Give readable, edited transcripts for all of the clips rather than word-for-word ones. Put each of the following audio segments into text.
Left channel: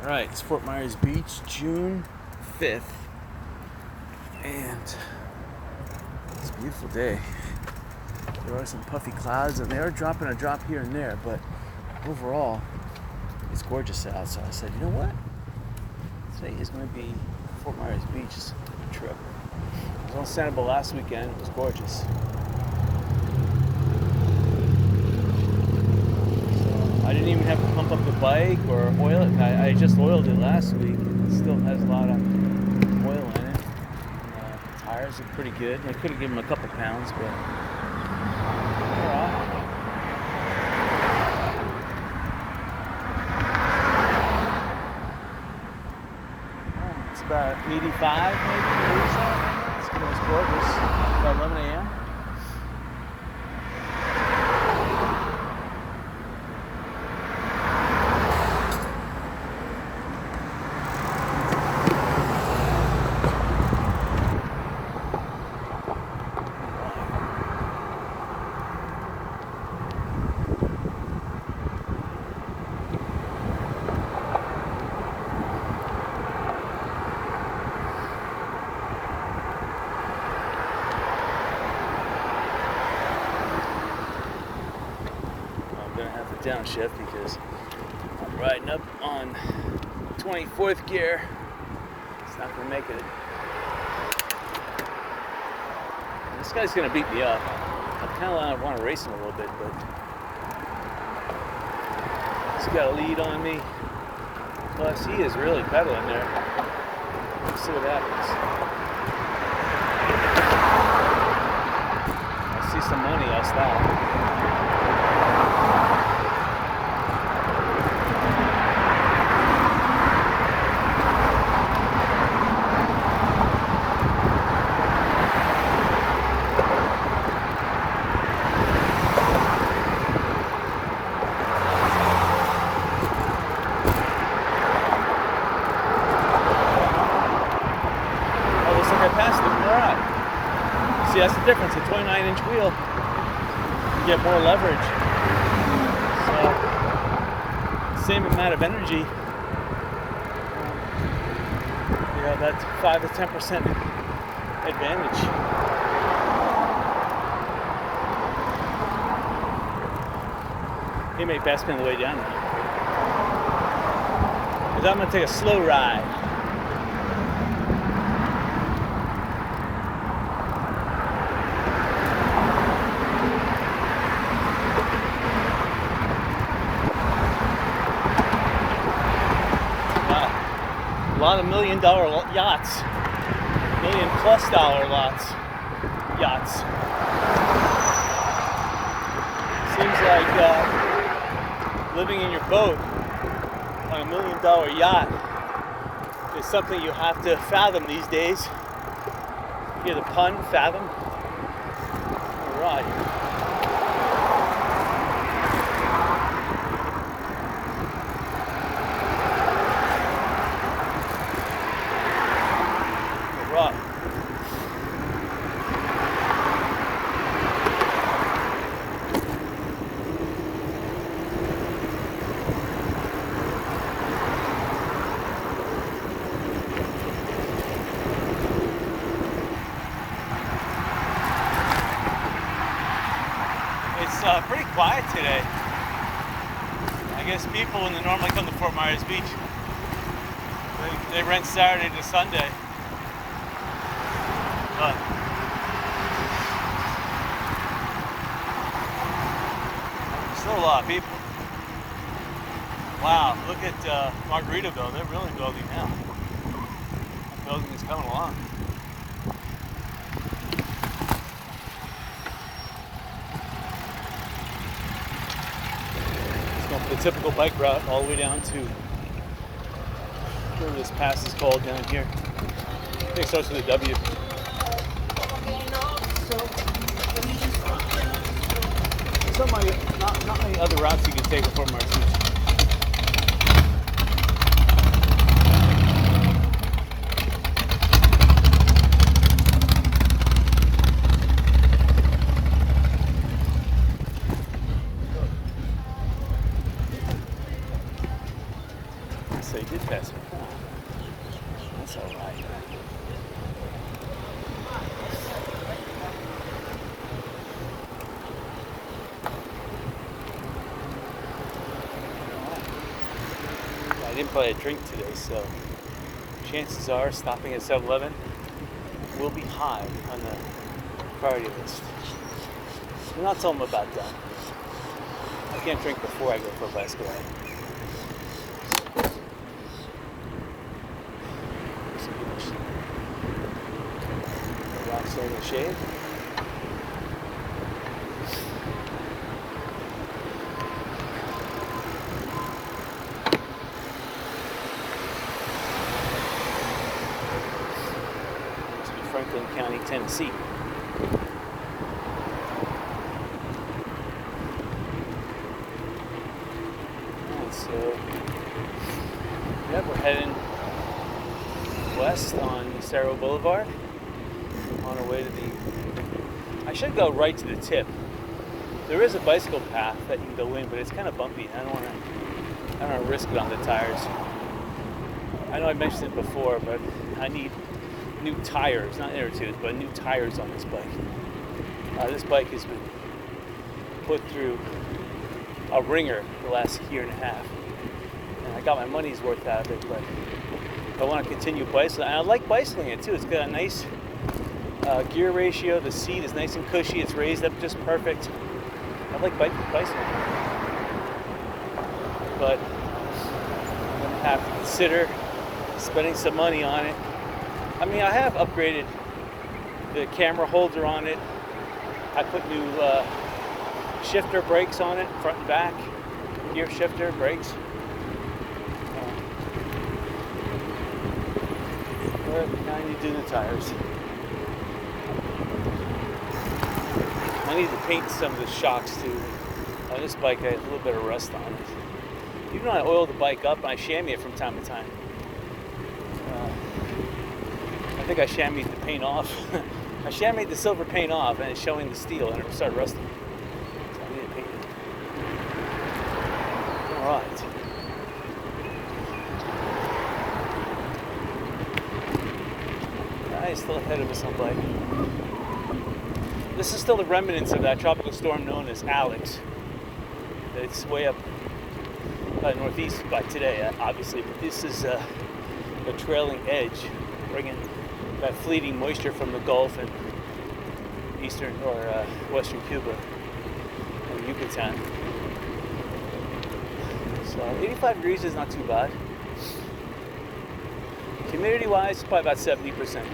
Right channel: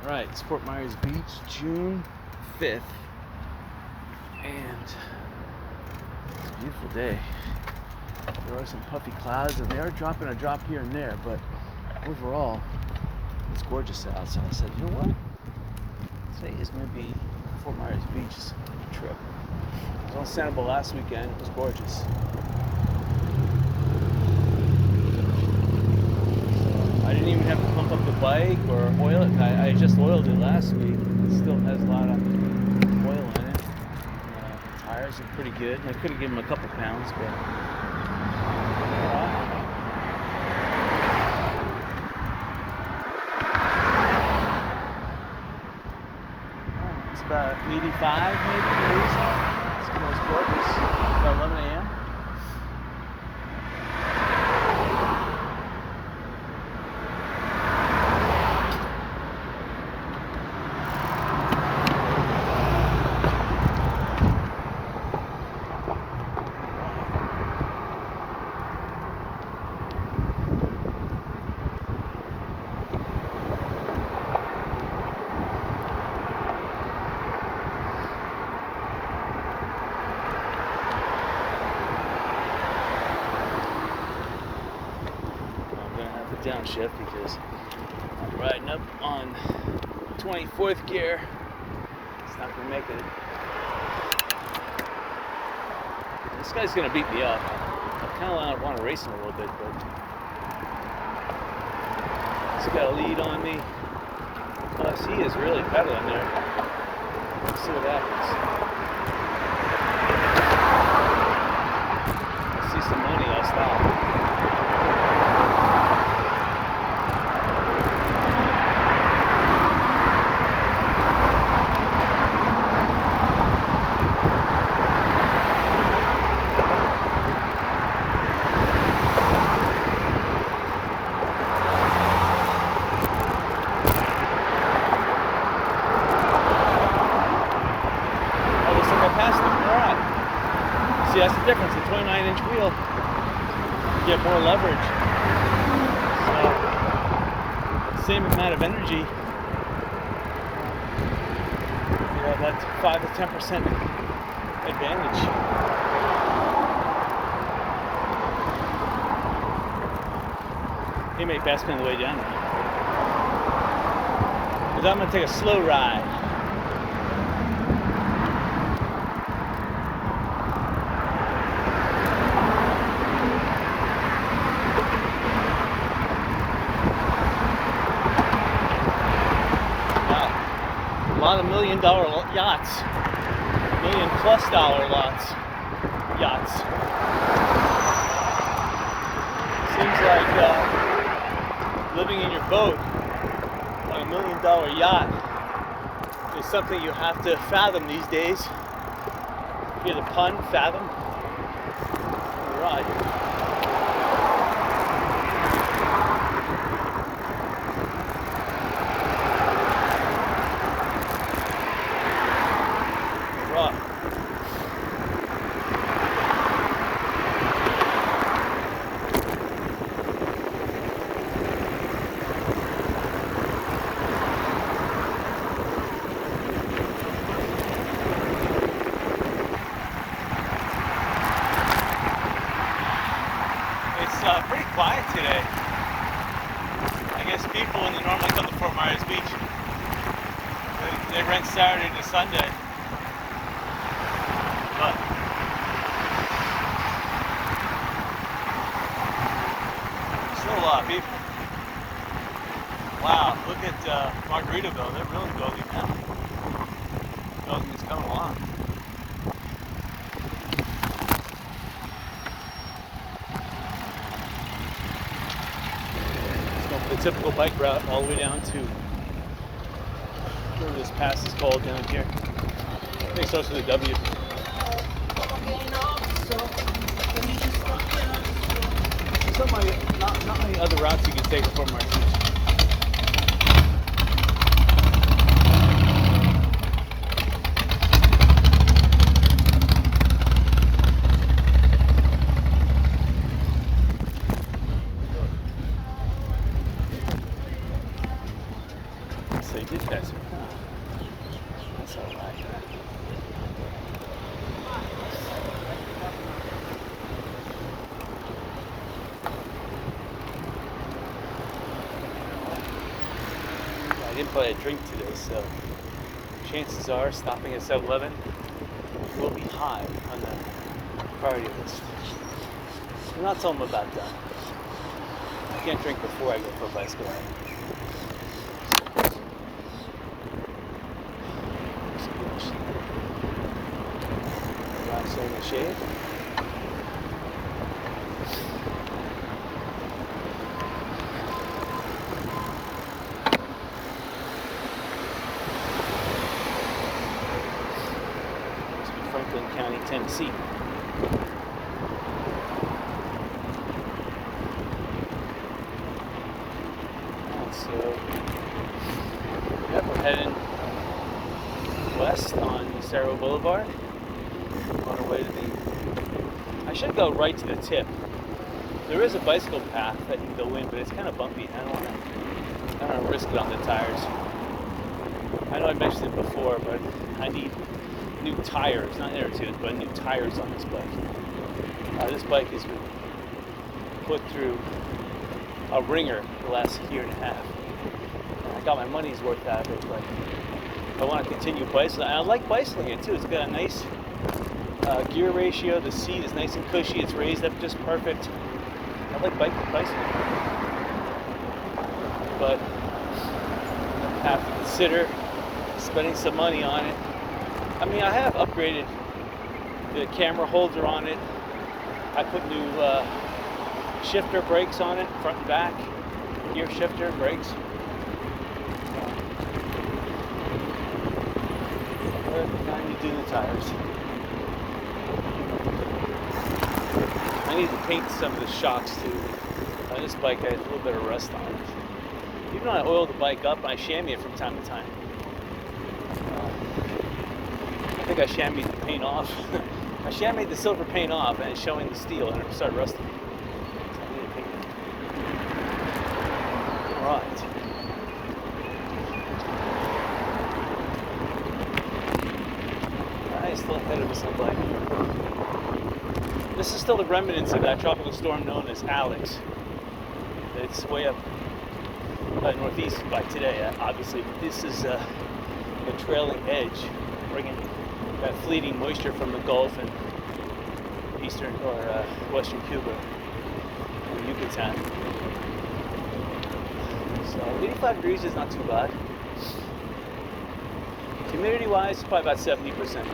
Alright, it's Fort Myers Beach, June 5th, and it's a beautiful day. There are some puffy clouds, and they are dropping a drop here and there, but overall, it's gorgeous out. So I said, you know what? Today is going to be Fort Myers Beach trip. I was on Sanibel last weekend. It was gorgeous. I didn't even have to pump up the bike or oil it. I just oiled it last week. It still has a lot of oil in it. And, the tires are pretty good. I could have given them a couple pounds, but it's about 85 maybe degrees. It's gorgeous. About 11 a.m. Downshift because I'm riding up on 24th gear. It's not going to make it. And this guy's going to beat me up. I kind of want to race him a little bit, but he's got a lead on me. Plus, he is really pedaling there. Let's see what happens. I see some money, I'll stop. See, that's the difference. A 29-inch wheel, you get more leverage. So, same amount of energy. That's 5 to 10% advantage. He may pass me on the way down. But I'm going to take a slow ride. A lot of $1 million yachts, made in plus dollar yachts. Seems like living in your boat on $1 million yacht is something you have to fathom these days. You get a pun, fathom. All right. It's pretty quiet today. I guess people in the normally come to Fort Myers Beach. They rent Saturday to Sunday. But still a lot of people. Wow, look at Margaritaville. They're really bogey now. Bogey's coming along. The typical bike route all the way down to where this pass is called down here. I think it starts with a W. Not many other routes you can take before my seats. they did pass it. Huh. That's all right. I didn't buy a drink today, so chances are stopping at 7-Eleven will be high on the priority list. And not till I'm about done. I can't drink before I go for a bicycle ride. Relaxing in the shade. Franklin County, Tennessee. And so, yeah, we're heading west on Cerro Boulevard on our way to the... I should go right to the tip. There is a bicycle path that you can go in, but it's kind of bumpy. I don't want to risk it on the tires. I know I mentioned it before, but I need new tires, not air tubes, but new tires on this bike. This bike has been put through a ringer the last year and a half. I got my money's worth out of it, but I want to continue bicycling. And I like bicycling it too. It's got a nice gear ratio. The seat is nice and cushy. It's raised up just perfect. I like bicycling. But I'm going to have to consider spending some money on it. I mean, I have upgraded the camera holder on it. I put new shifter brakes on it, front and back, gear shifter brakes. Now I need to do the tires. I need to paint some of the shocks too. This bike has a little bit of rust on it. Even though I oil the bike up, I chamois it from time to time. I think I chamoised the paint off. I chamoised the silver paint off and it's showing the steel and it started rusting. So I need to paint it. Alright. I'm still ahead of us on bike. This is still the remnants of that tropical storm known as Alex. It's way up northeast by today, obviously. But this is the trailing edge, bringing that fleeting moisture from the Gulf and eastern or western Cuba and Yucatan. So 85 degrees is not too bad. Humidity-wise, it's probably about 70%.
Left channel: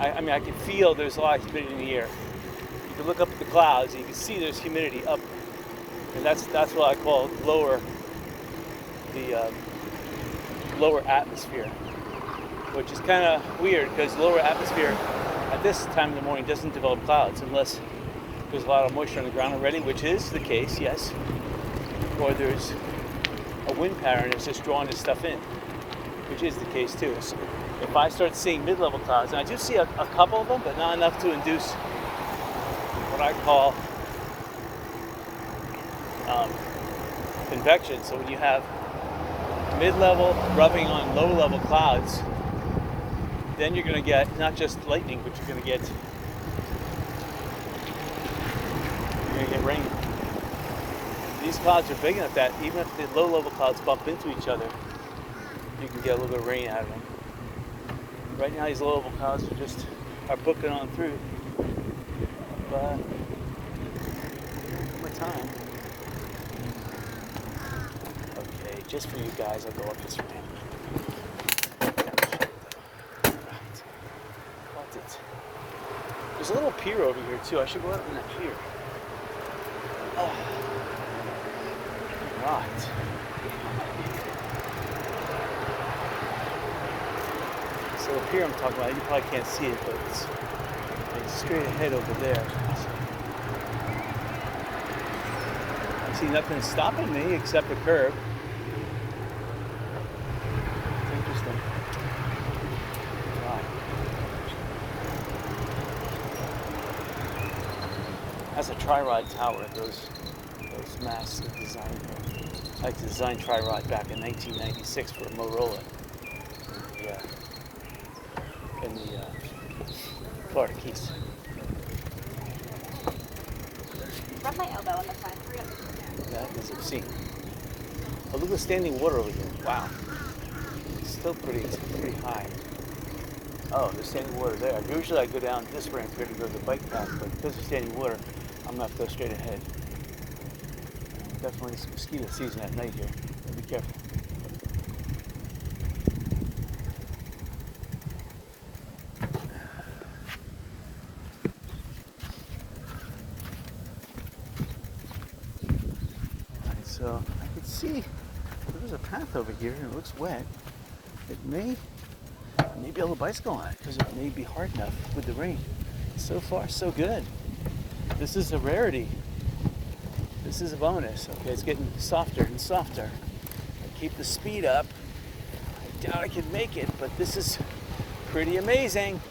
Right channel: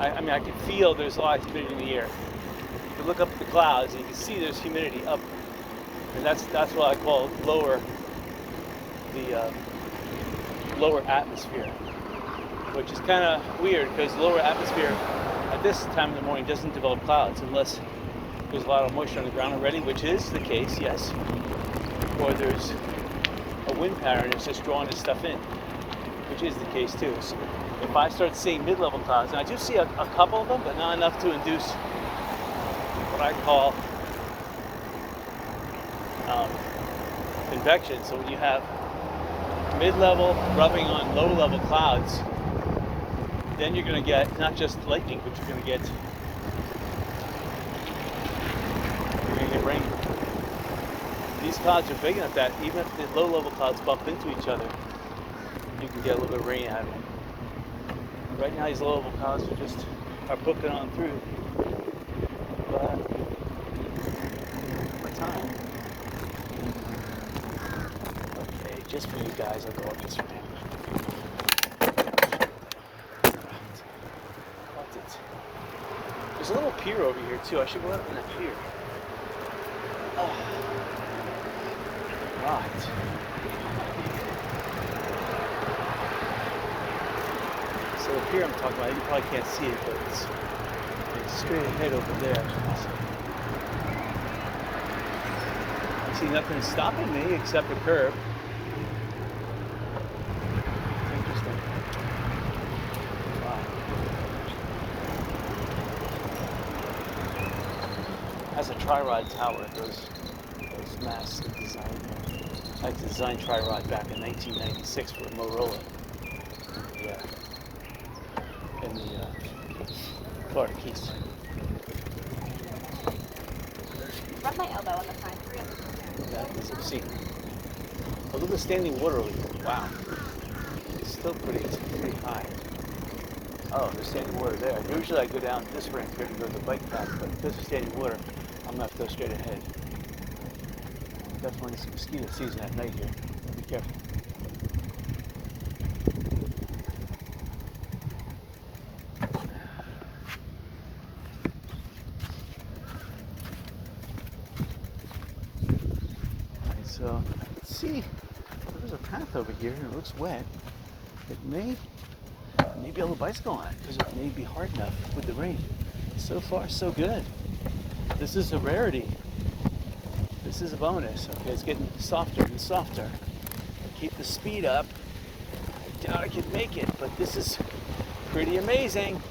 I mean, I can feel there's a lot of humidity in the air. You look up at the clouds, and you can see there's humidity up, and that's what I call lower atmosphere, which is kind of weird because lower atmosphere at this time in the morning doesn't develop clouds unless there's a lot of moisture on the ground already, which is the case, yes, or there's a wind pattern that's just drawing this stuff in, which is the case too. So if I start seeing mid-level clouds, and I do see a couple of them, but not enough to induce what I call convection. So when you have mid-level rubbing on low-level clouds, then you're going to get not just lightning, but you're going to get rain. These clouds are big enough that even if the low-level clouds bump into each other, you can get a little bit of rain out of them. Right now, these low-level clouds are booking on through. My time. Okay, just for you guys, I'll go up this ramp. There's a little pier over here too. I should go out on that pier. Oh, right. So the pier I'm talking about, you probably can't see it, but it's straight ahead over there. I see nothing stopping me except the curb. It's interesting. Right. Has a tri-rod tower, those massive design things. I had to design tri-rod back in 1996 for Motorola in the Florida Keys. Rub my elbow on the side. That is obscene. But look at the standing water over here. Wow. It's still pretty high. Oh, there's standing water there. Usually I go down this ramp here to go to the bike path, but because of standing water, I'm going to go straight ahead. Definitely some mosquito season at night here. Be careful. Alright, so I can see there's a path over here and it looks wet. It may be able to bicycle on it because it may be hard enough with the rain. So far, so good. This is a rarity. This is a bonus. Okay, it's getting softer and softer. Keep the speed up. I doubt I could make it, but this is pretty amazing.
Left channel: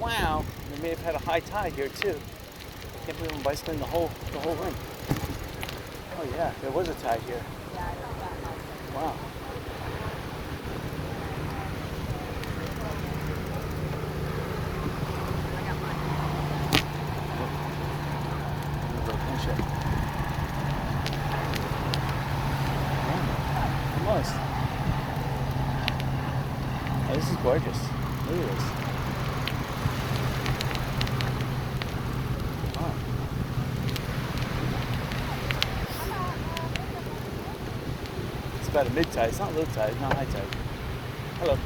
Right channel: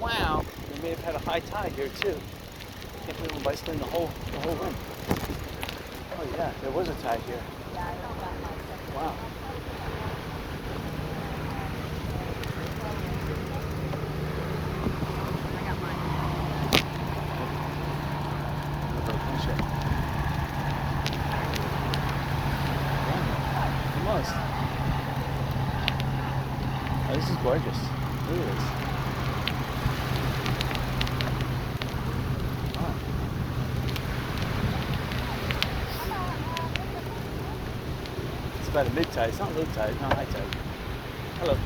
Wow. We may have had a high tide here too. I can't believe I'm bicycling the whole run. Oh yeah, there was a tide here. Wow. Almost. Oh, this is gorgeous. Look at this. Wow. It's about a mid-tide. It's not low tide. It's not high tide. Hello.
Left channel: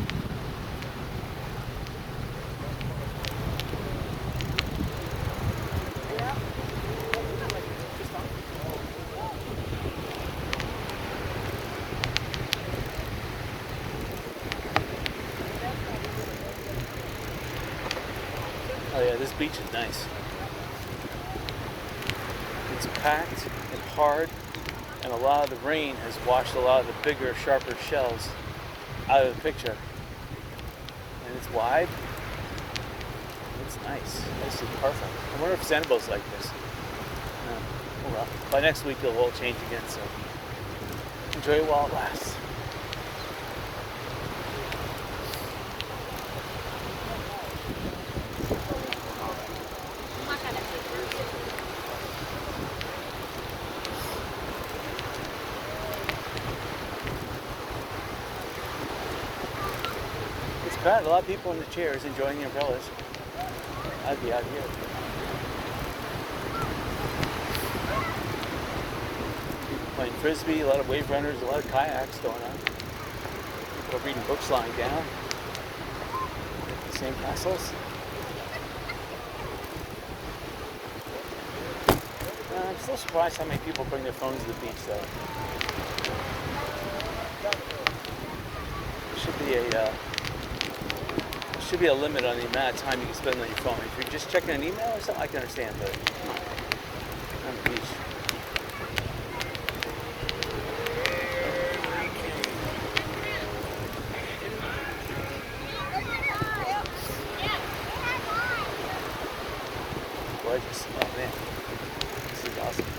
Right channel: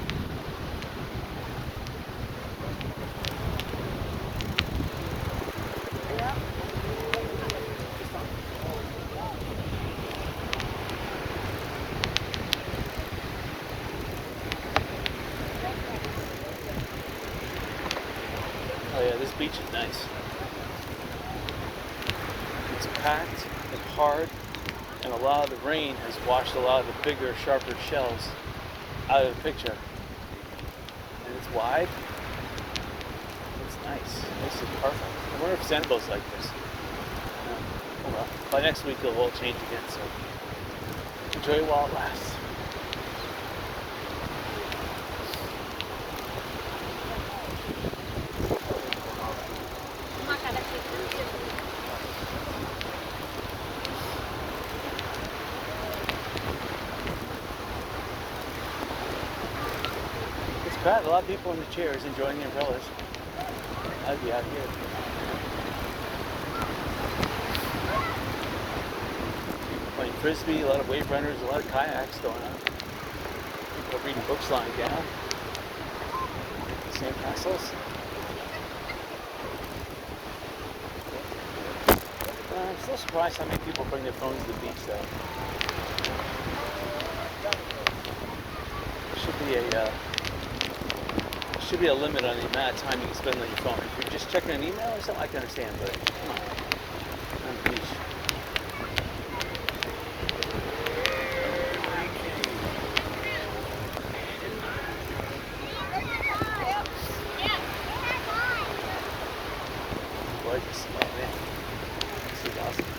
Oh yeah, this beach is nice. It's packed and hard, and a lot of the rain has washed a lot of the bigger, sharper shells out of the picture. And it's wide. It's nice. This is perfect. I wonder if Sanibel's like this. Oh well. By next week it'll all change again, so enjoy it while it lasts. Crowd, a lot of people in the chairs enjoying the umbrellas. I'd be out here. Playing frisbee, a lot of wave runners, a lot of kayaks going on. People are reading books lying down. Sand castles. I'm still surprised how many people bring their phones to the beach though. Should be a limit on the amount of time you can spend on your phone. If you're just checking an email or something, I can understand, but come on. On the beach. Gorgeous. Oh man. This is awesome.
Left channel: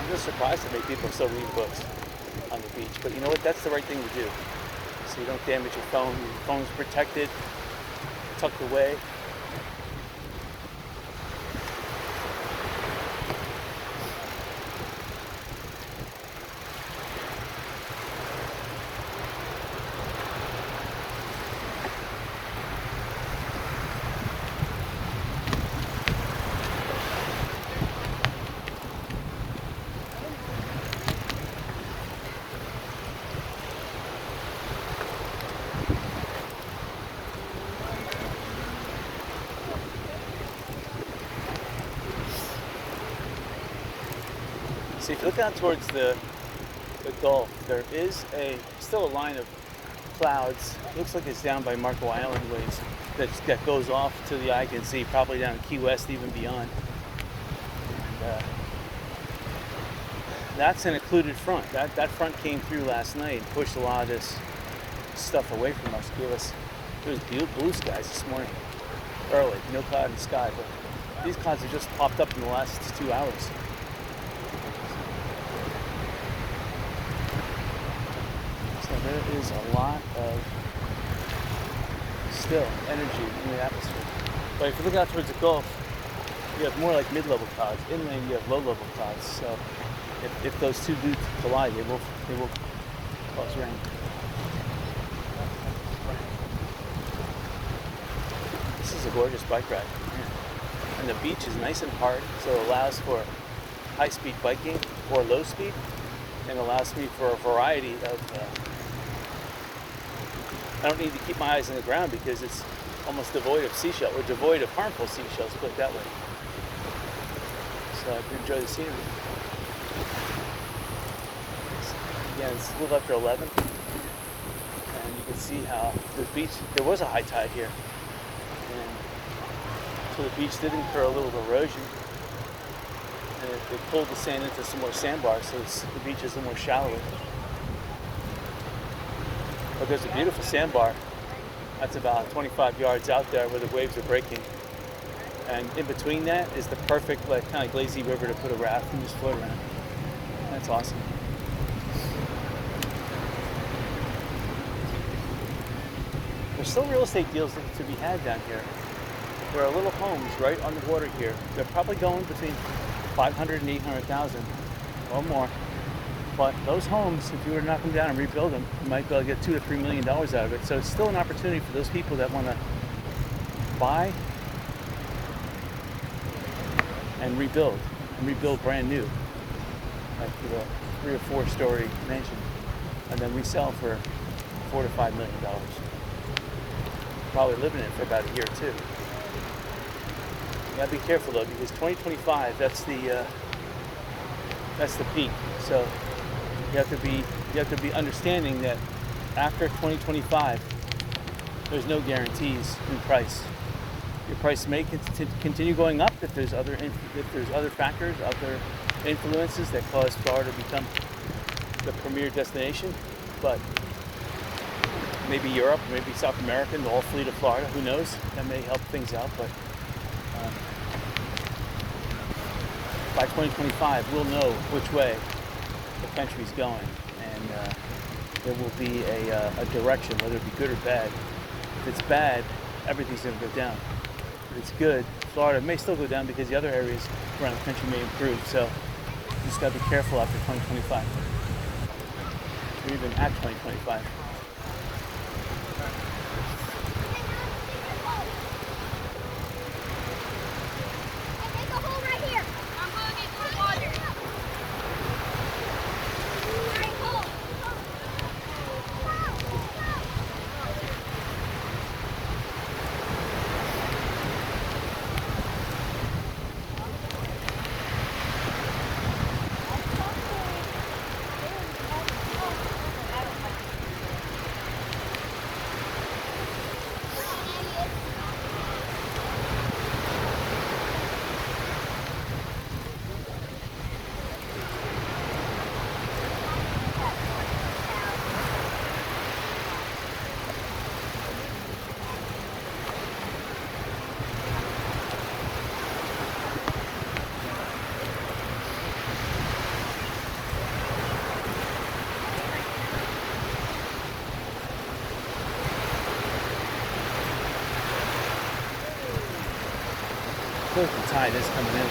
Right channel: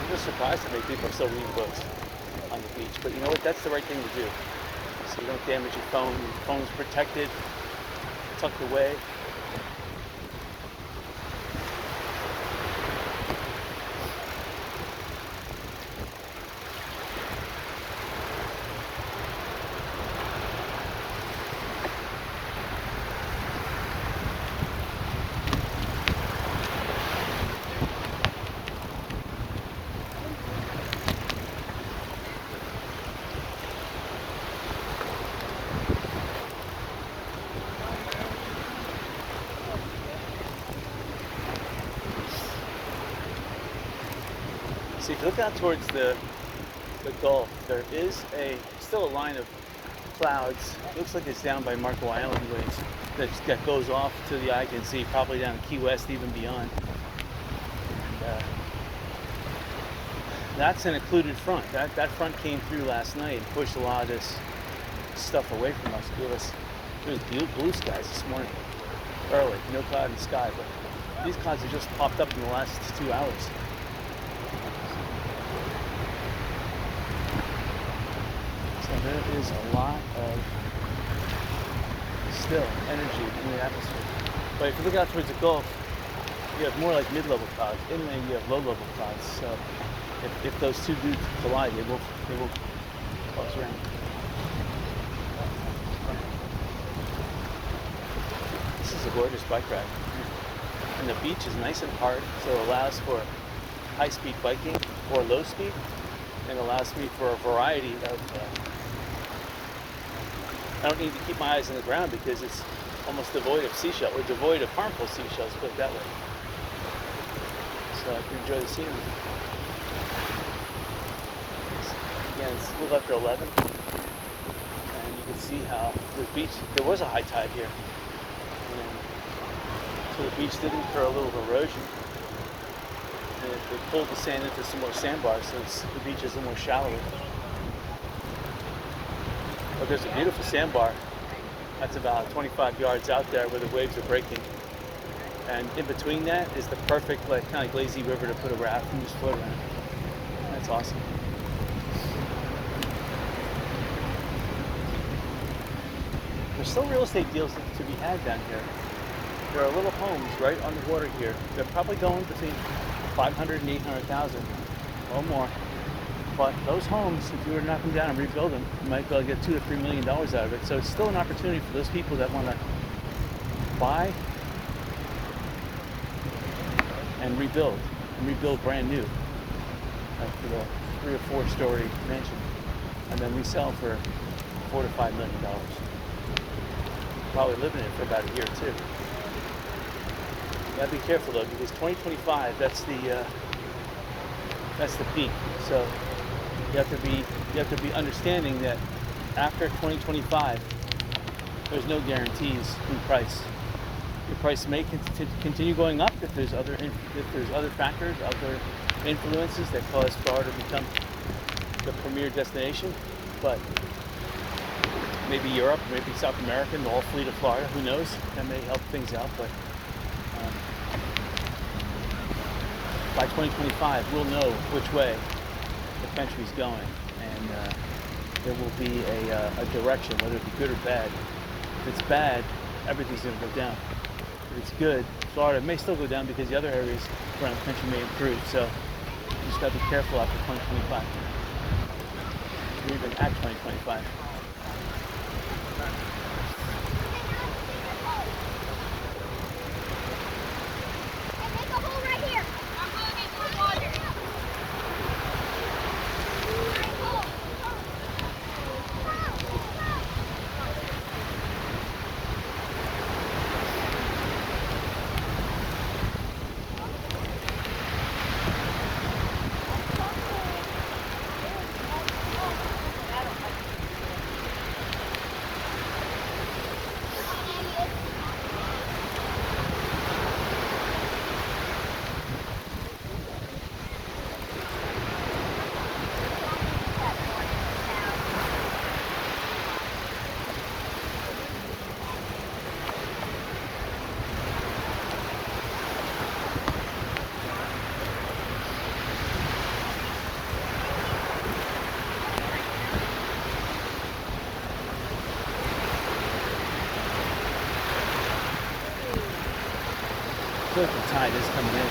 I'm just surprised how many people are still reading books on the beach. But you know what? That's the right thing to do. So you don't damage your phone. Your phone's protected, tucked away. So if you look out towards the Gulf, there is still a line of clouds. It looks like it's down by Marco Island where that goes off to the eye can see, probably down Key West, even beyond. And, that's an occluded front. That front came through last night and pushed a lot of this stuff away from us. Gave us really beautiful blue skies this morning. early, no cloud in the sky, but these clouds have just popped up in the last 2 hours. So there is a lot of still energy in the atmosphere. But if you look out towards the Gulf, you have more like mid-level clouds. Inland, you have low-level clouds. So if those two do collide, they will cause rain. This is a gorgeous bike ride. And the beach is nice and hard, so it allows for high-speed biking or low speed, and allows me for a variety of I don't need to keep my eyes on the ground because it's almost devoid of seashells, or devoid of harmful seashells, put it that way. So I can enjoy the scenery. Again, it's a little after 11, and you can see how the beach, there was a high tide here, and so the beach did incur a little erosion, and it pulled the sand into some more sandbars, so the beach is a little more shallower. But there's a beautiful sandbar that's about 25 yards out there where the waves are breaking. And in between that is the perfect, like, kind of lazy river to put a raft and just float on. That's awesome. There's still real estate deals to be had down here. There are little homes right on the water here. They're probably going between 500 and 800,000 or more. But those homes, if you were to knock them down and rebuild them, you might be able to get $2 to $3 million out of it. So it's still an opportunity for those people that want to buy and rebuild brand new, like a 3 or 4 story mansion, and then resell for $4 to $5 million. Probably living in it for about a year or two. You gotta be careful though, because 2025, that's the peak. So you have to be understanding that after 2025, there's no guarantees in price. The price may continue going up if there's other factors, other influences that cause Florida to become the premier destination. But maybe Europe, maybe South America, and all flee to Florida. Who knows? That may help things out. But by 2025, we'll know which way the country's going, and there will be a direction, whether it be good or bad. If it's bad, everything's going to go down. If it's good, Florida may still go down because the other areas around the country may improve. So you just got to be careful after 2025, even at 2025. The tide is coming in.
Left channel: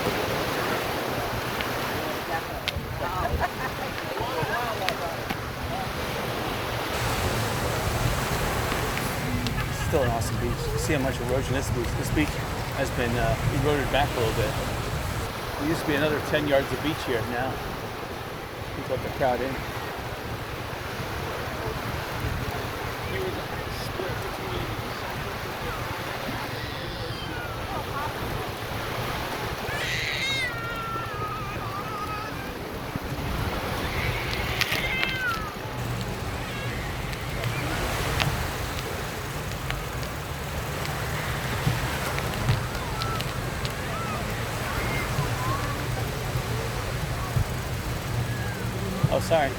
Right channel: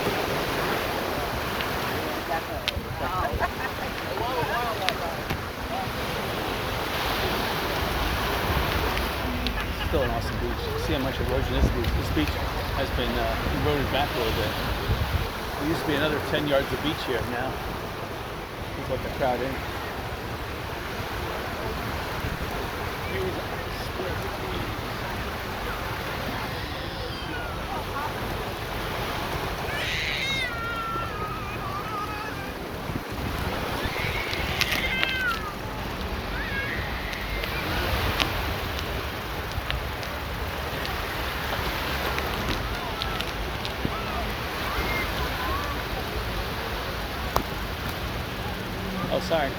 Still an awesome beach. You see how much erosion this beach. This beach has been eroded back a little bit. There used to be another 10 yards of beach here. Now people let the crowd in. Oh, sorry.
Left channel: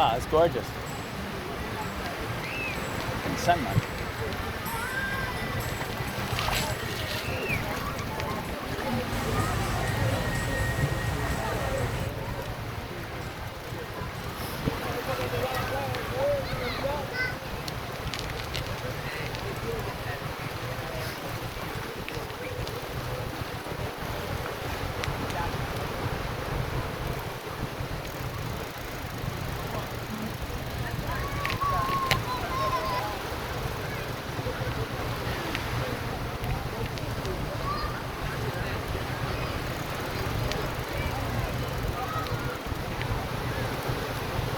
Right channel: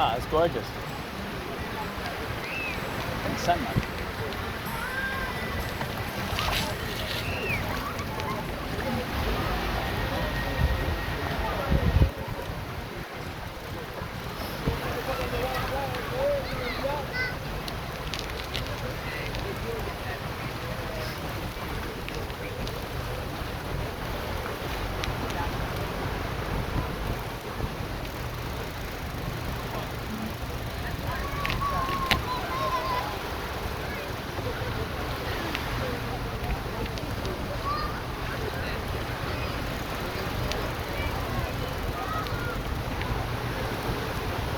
Wow, it's gorgeous. And sunlight.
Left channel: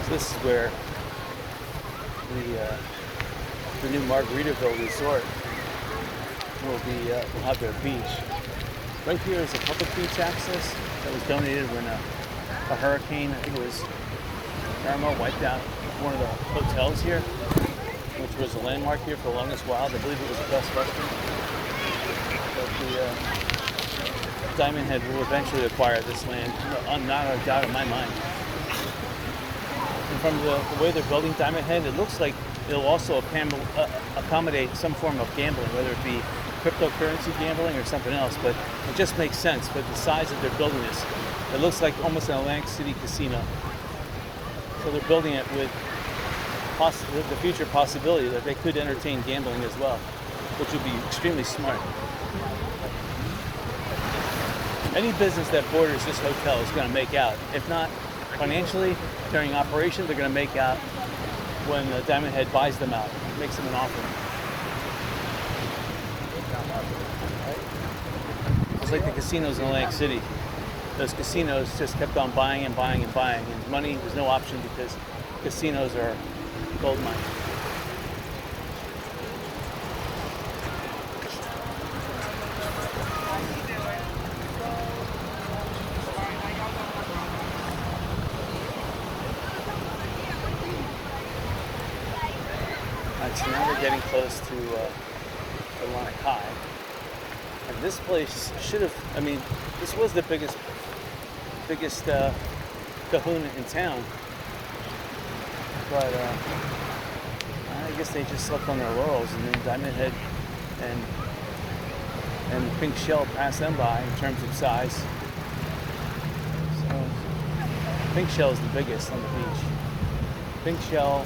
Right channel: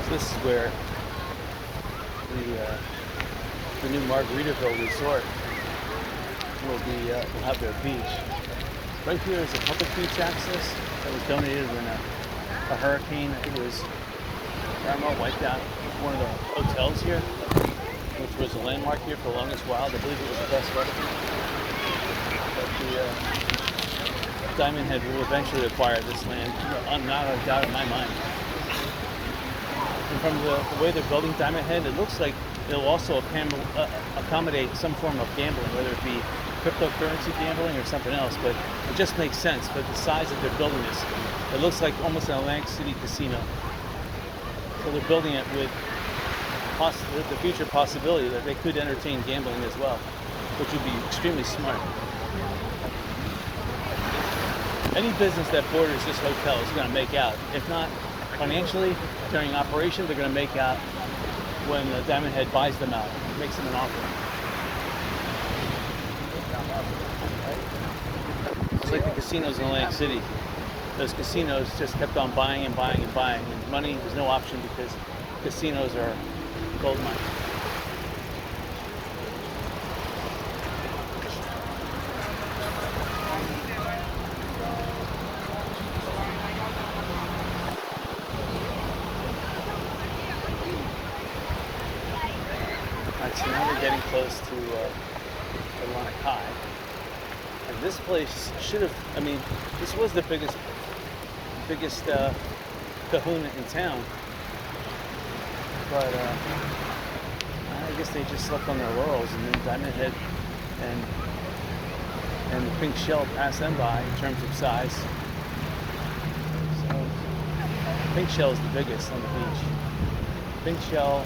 This is where the new Margaritaville resort will have their beach. Right here is a public beach access that was donated when a hurricane, I think it was Irma, wiped out one of the hotels here, which was a landmark here for the longest while. I believe it was the Best Western. But the Diamond Head will eventually acquire this land. Not a doubt in my mind. And from the way they're building Diamond Head, it looks like it'll also accommodate some form of gambling, whether it be cryptocurrency gambling or something else. But it just makes sense for the size of their building. It looks like almost an Atlantic City casino. So they're building it with the future possibility that they could entertain gambling as well, which would be extremely smart. Any business that borders this hotel is going to make out. If not financially, during operation, they're going to make out when Diamond Head buys them out, makes them an offer. It's like the casinos in Atlantic City. Those casinos just kept on buying and buying and buying. And money was no option because casinos are gold mines. Alright, so now we're getting close to Kai. And this place should have, this was the biggest kahuna in town. But I guess they just slept on their laurels, and then Diamond Head and the Pink Shell passed them by in terms of size. So Pink Shell is the biggest on the beach. Pink Shell,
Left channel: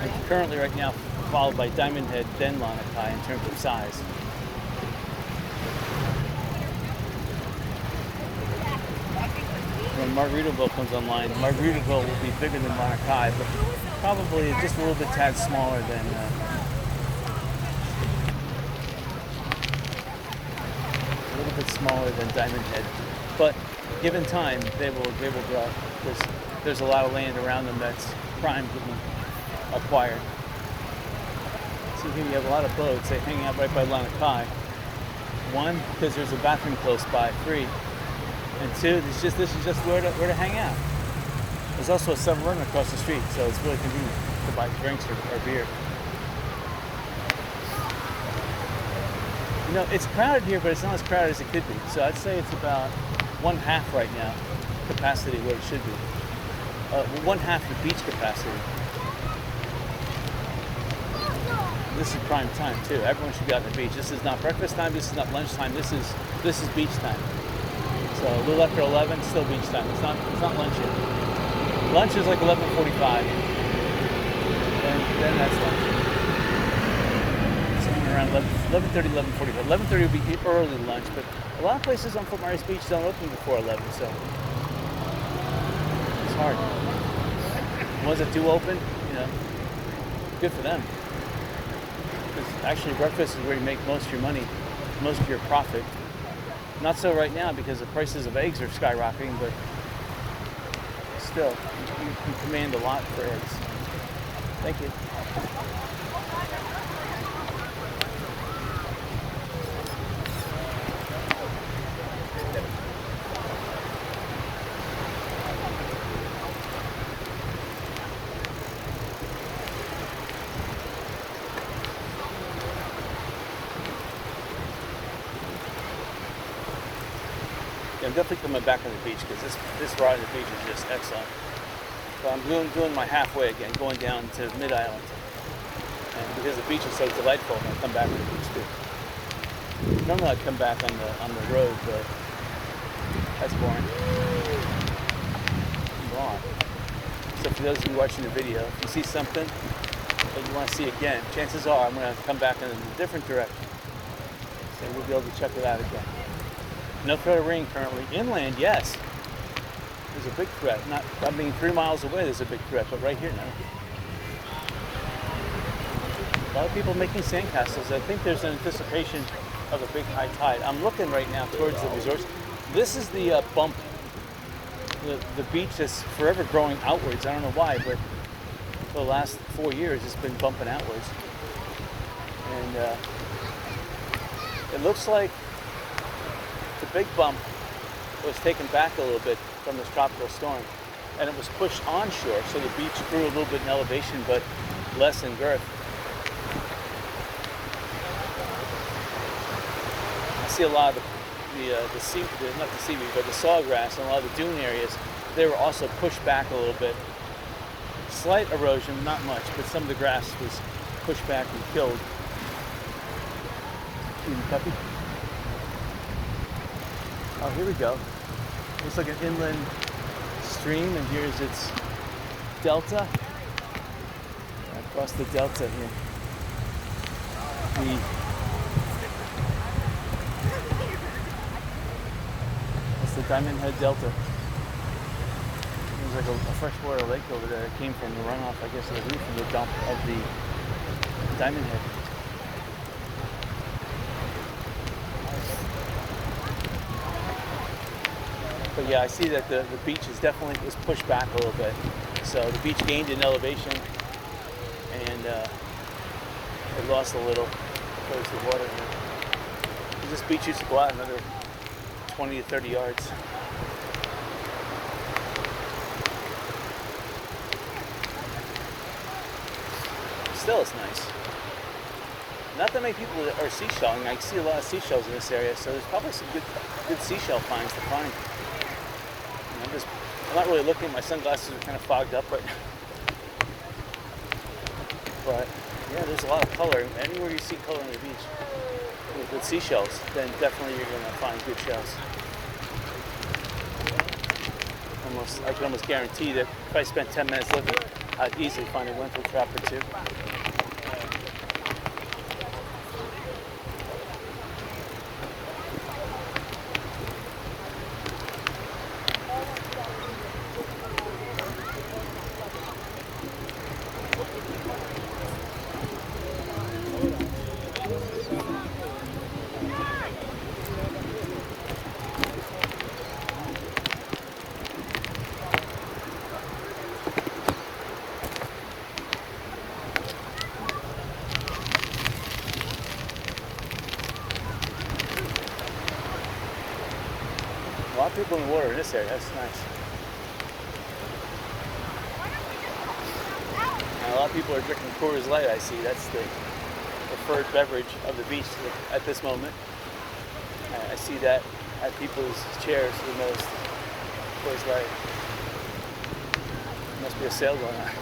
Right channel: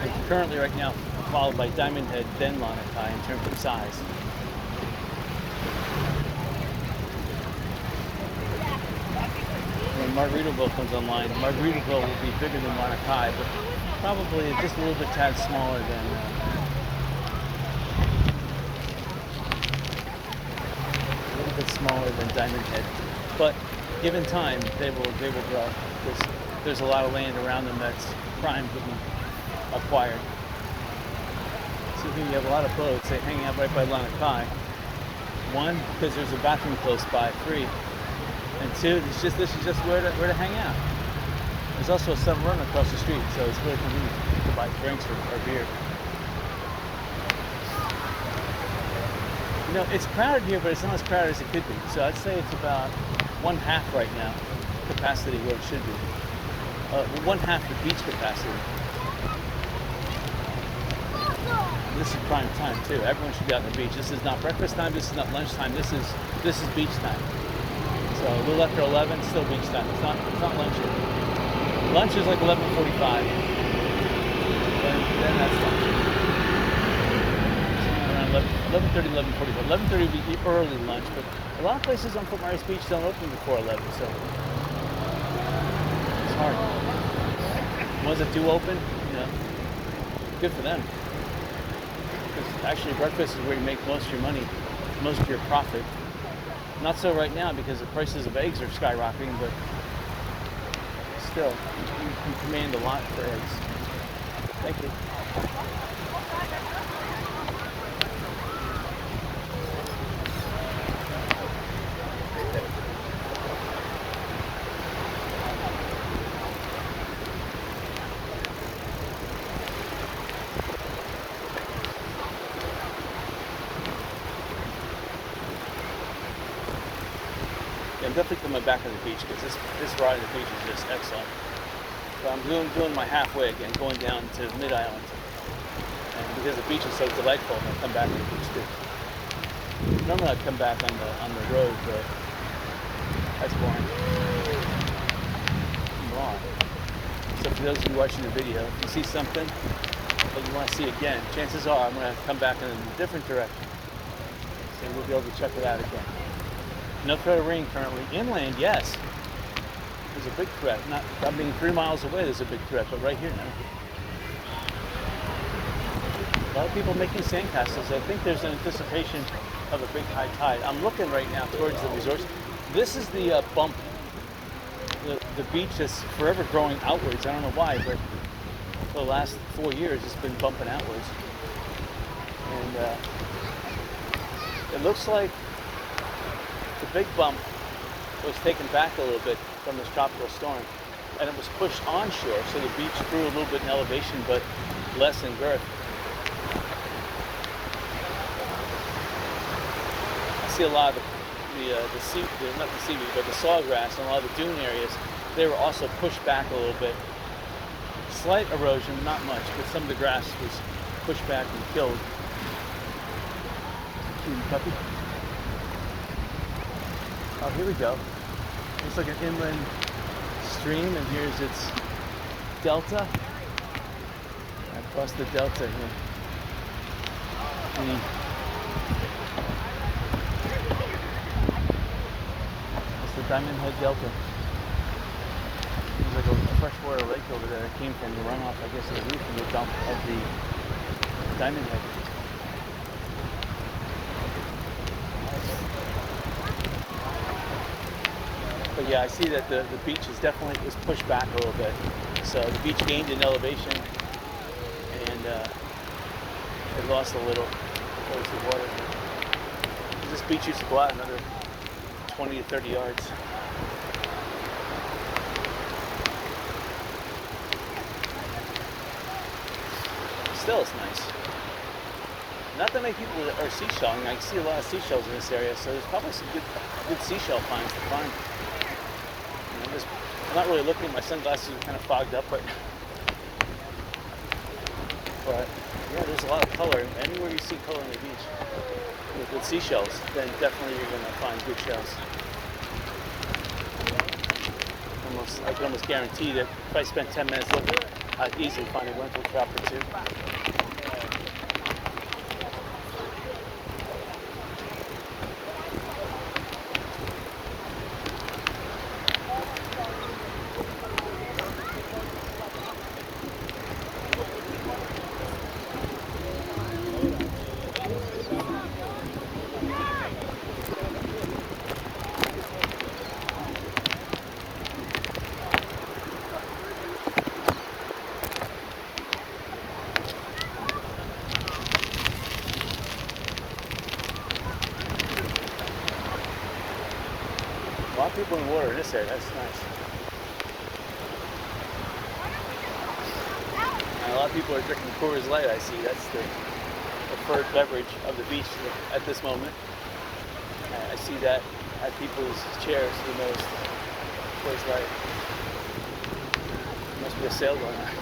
and currently right now followed by Diamond Head, then Kai in terms of size. When Margaritaville comes online, Margaritaville will be bigger than Kai, but probably just a little bit tad smaller than Diamond Head. But given time, they will grow because there's a lot of land around them that's prime to be acquired. See here, you have a lot of boats. They're hanging out right by Kai. One, because there's a bathroom close by. 3. And 2, this is just where to hang out. There's also a 7-Eleven across the street, so it's really convenient to buy drinks or beer. It's crowded here, but it's not as crowded as it could be. So I'd say it's about 1/2 right now capacity where it should be. 1/2 the beach capacity. This is prime time too. Everyone should be out on the beach. This is not breakfast time. This is not lunch time. This is beach time. So we're left at 11. Still beach time. It's not lunch yet. Lunch is like 11:45. Then that's lunch. Somewhere around 11:30, 11:45. 11:30 would be early lunch, but a lot of places on Fort Myers Beach don't open before 11, so it's hard. The ones that do open, good for them. Actually, breakfast is where you make most of your money, most of your profit. Not so right now because the prices of eggs are skyrocketing, but still, you can command a lot for eggs. Thank you. I'm definitely coming back on the beach because this ride on the beach is just excellent. But I'm doing my halfway again, going down to Mid-Island. And because the beach is so delightful, I'm going to come back on the beach too. Normally I'd come back on the road, but that's boring. Come on. So for those of you watching the video, if you see something that you want to see again, chances are I'm going to come back in a different direction. So you'll be able to check it out again. No threat of rain currently. Inland, yes. There's a big threat. I mean, 3 miles away there's a big threat, but right here, no. A lot of people making sandcastles. I think there's an anticipation of a big high tide. I'm looking right now towards the resorts. This is the bump. The beach is forever growing outwards. I don't know why, but for the last 4 years it's been bumping outwards. And it looks like the big bump was taken back a little bit from this tropical storm, and it was pushed onshore, so the beach grew a little bit in elevation, but less in girth. I see a lot of not the seaweed, but the sawgrass and a lot of the dune areas. They were also pushed back a little bit. Slight erosion, not much, but some of the grass was pushed back and killed. Puppy. Oh, here we go. It's like an inland stream, and here's its delta. Across the delta here. It's the Diamond Head Delta. There's like a freshwater lake over there. It came from the runoff, I guess, of the roof and the dump of the Diamond Head. But yeah, I see that the beach is pushed back a little bit. So the beach gained in elevation, and it lost a little place of water here. This beach used to go out another 20 to 30 yards. Still, it's nice. Not that many people are seashelling. I see a lot of seashells in this area, so there's probably some good seashell finds to find. I'm not really looking. My sunglasses are kind of fogged up, but yeah, there's a lot of color. Anywhere you see color on the beach with seashells, then definitely you're going to find good shells. I can almost guarantee that if I spent 10 minutes looking, I'd easily find a lentil trap or two. A lot of people in the water in this area. That's nice. And a lot of people are drinking Coors Light, I see. That's the preferred beverage of the beach at this moment. I see that at people's chairs the most. Coors Light. Must be a sale going on.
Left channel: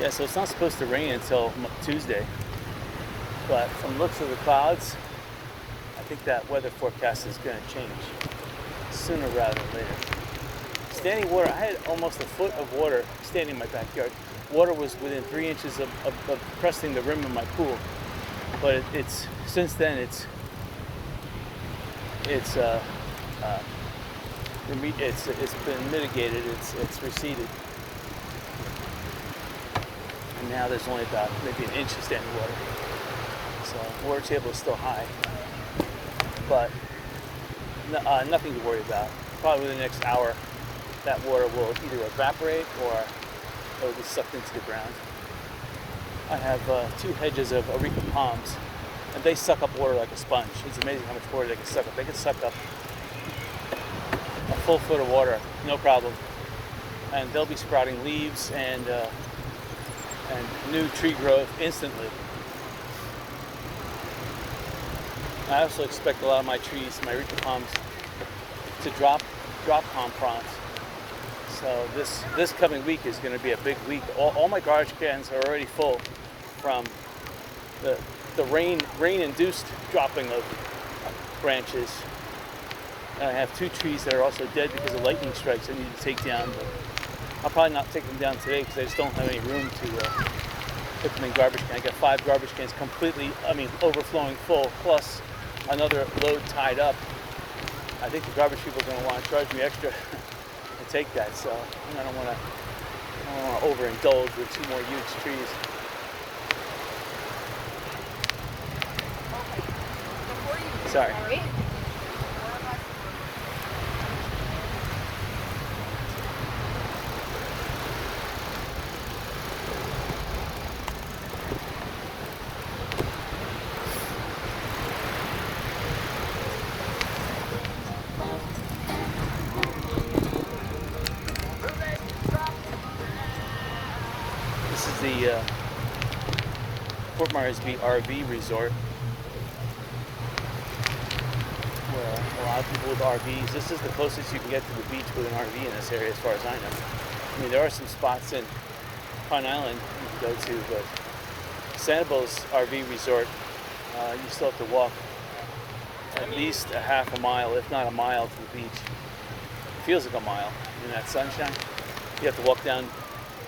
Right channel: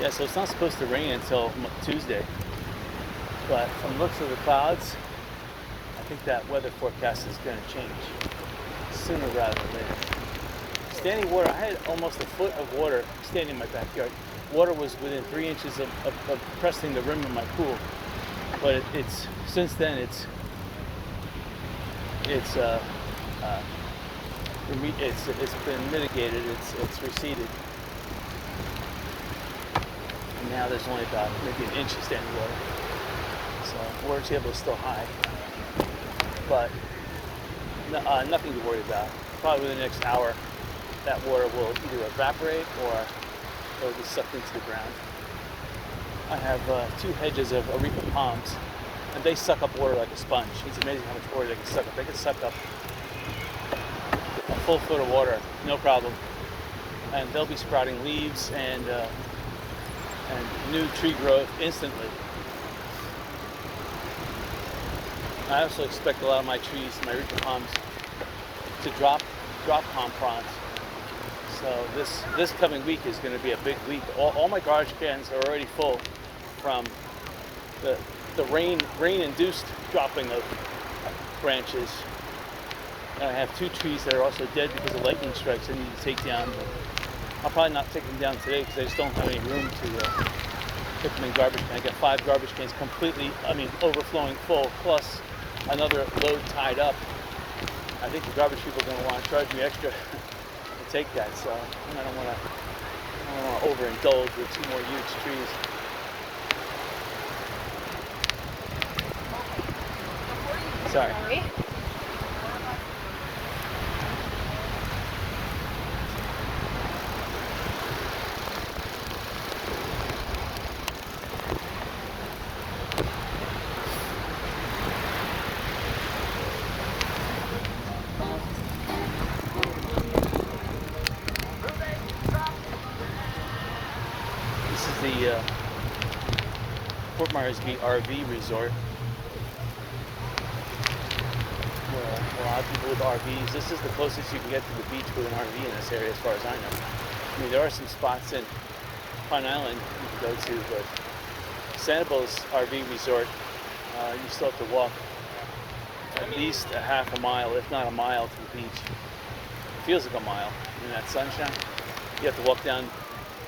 Yeah, so it's not supposed to rain until Tuesday, but from the looks of the clouds, I think that weather forecast is going to change sooner rather than later. Standing water, I had almost a foot of water standing in my backyard. Water was within 3 inches of cresting the rim of my pool, but it's since then it's been mitigated. It's receded. And now there's only about maybe an inch of standing water. So water table is still high. but nothing to worry about. Probably in the next hour, that water will either evaporate or it will be sucked into the ground. I have 2 hedges of arepa palms, and they suck up water like a sponge. It's amazing how much water they can suck up. They can suck up a full foot of water, no problem. And they'll be sprouting leaves and new tree growth instantly. I also expect a lot of my trees, my arepa palms, to drop palm fronds. So this coming week is going to be a big week. All my garbage cans are already full from the rain-induced dropping of branches. And I have 2 trees that are also dead because of lightning strikes I need to take down. But I'll probably not take them down today because I just don't have any room to put them in garbage cans. I got 5 garbage cans completely, overflowing full, plus another load tied up. I think the garbage people are going to want to charge me extra to take that. So I don't want to overindulge with 2 more huge trees. Sorry. This is the Fort Myers Beach RV resort, where a lot of people with RVs. This is the closest you can get to the beach with an RV in this area, as far as I know. I mean, there are some spots in Pine Island you can go to, but Sanibel's RV resort, you still have to walk at least a half a mile, if not a mile, to the beach. It feels like a mile in that sunshine. You have to walk down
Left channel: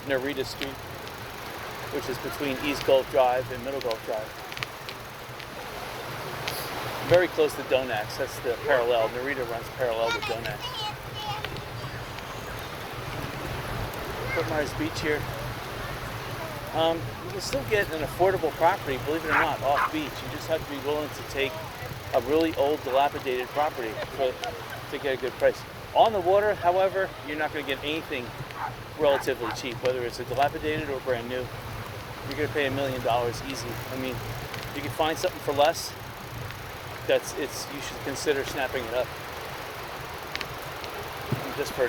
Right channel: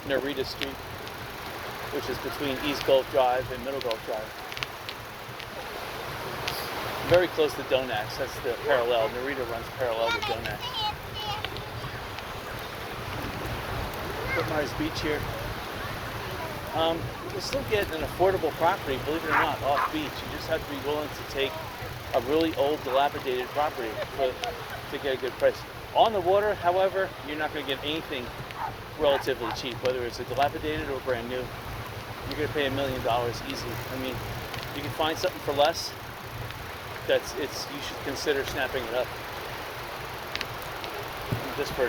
Narita Street, which is between East Gulf Drive and Middle Gulf Drive. Very close to Donax. That's the parallel. Narita runs parallel to Donax. Fort Myers Beach here. You can still get an affordable property, believe it or not, off beach. You just have to be willing to take a really old, dilapidated property to get a good price. On the water, however, you're not going to get anything relatively cheap, whether it's a dilapidated or brand new. You're going to pay $1 million easy. I mean, you can find something for less. You should consider snapping it up. Just for